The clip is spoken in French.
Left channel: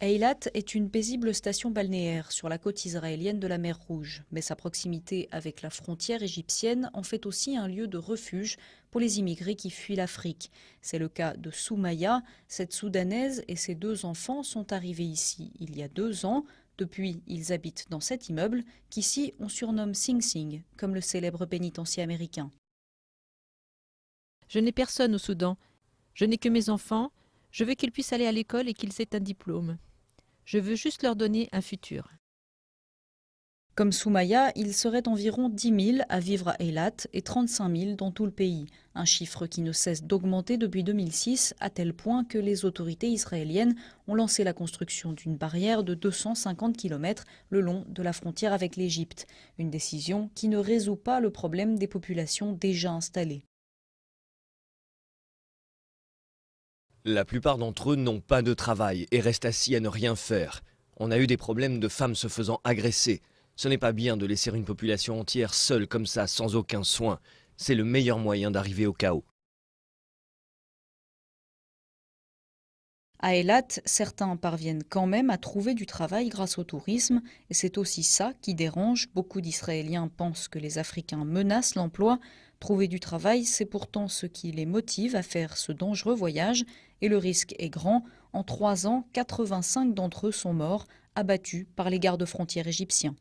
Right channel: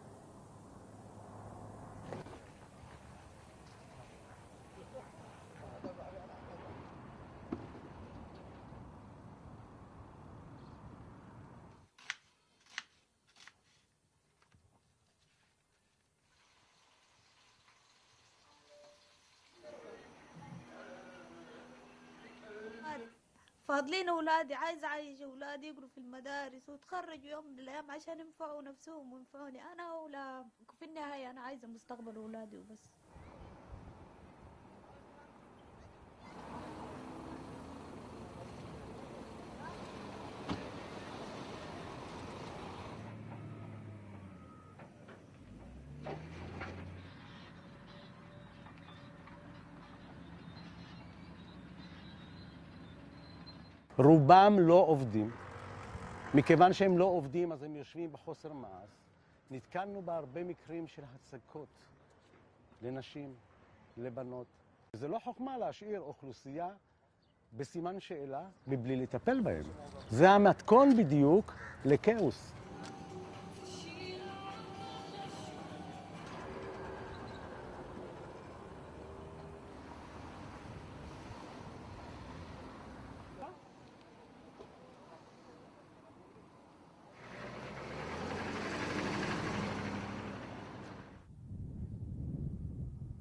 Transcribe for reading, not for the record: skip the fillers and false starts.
Eilat est une paisible station balnéaire sur la côte israélienne de la mer Rouge, mais sa proximité avec la frontière égyptienne en fait aussi un lieu de refuge pour les immigrés qui fuient l'Afrique. C'est le cas de Soumaya. Cette Soudanaise et ses deux enfants sont arrivés ici il y a 2 ans. Depuis, ils habitent dans cet immeuble qu'ici on surnomme Sing Sing, comme le célèbre pénitencier américain. Je n'ai personne au Soudan. Je n'ai que mes enfants. Je veux qu'ils puissent aller à l'école et qu'ils aient un diplôme. Je veux juste leur donner un futur. Comme Soumaya, il serait environ 10 000 à vivre à Eilat et 35 000 dans tout le pays. Un chiffre qui ne cesse d'augmenter depuis 2006, à tel point que les autorités israéliennes ont lancé la construction d'une barrière de 250 km le long de la frontière avec l'Égypte. Une décision qui ne résout pas le problème des populations déjà installées. La plupart d'entre eux n'ont pas de travail et restent assis à ne rien faire. On a eu des problèmes de femmes se faisant agresser. Ce n'est pas bien de laisser une population entière seule comme ça, sans aucun soin. C'est le meilleur moyen d'arriver au chaos. À Eilat, certains parviennent quand même à trouver du travail grâce au tourisme. Et c'est aussi ça qui dérange. Beaucoup d'Israéliens pensent que les Africains menacent l'emploi. Trouver du travail, c'est pourtant ce qui les motive à faire ce dangereux voyage. Et le risque est grand. En 3 ans, 85 d'entre eux sont morts, abattus par les gardes-frontières égyptiens.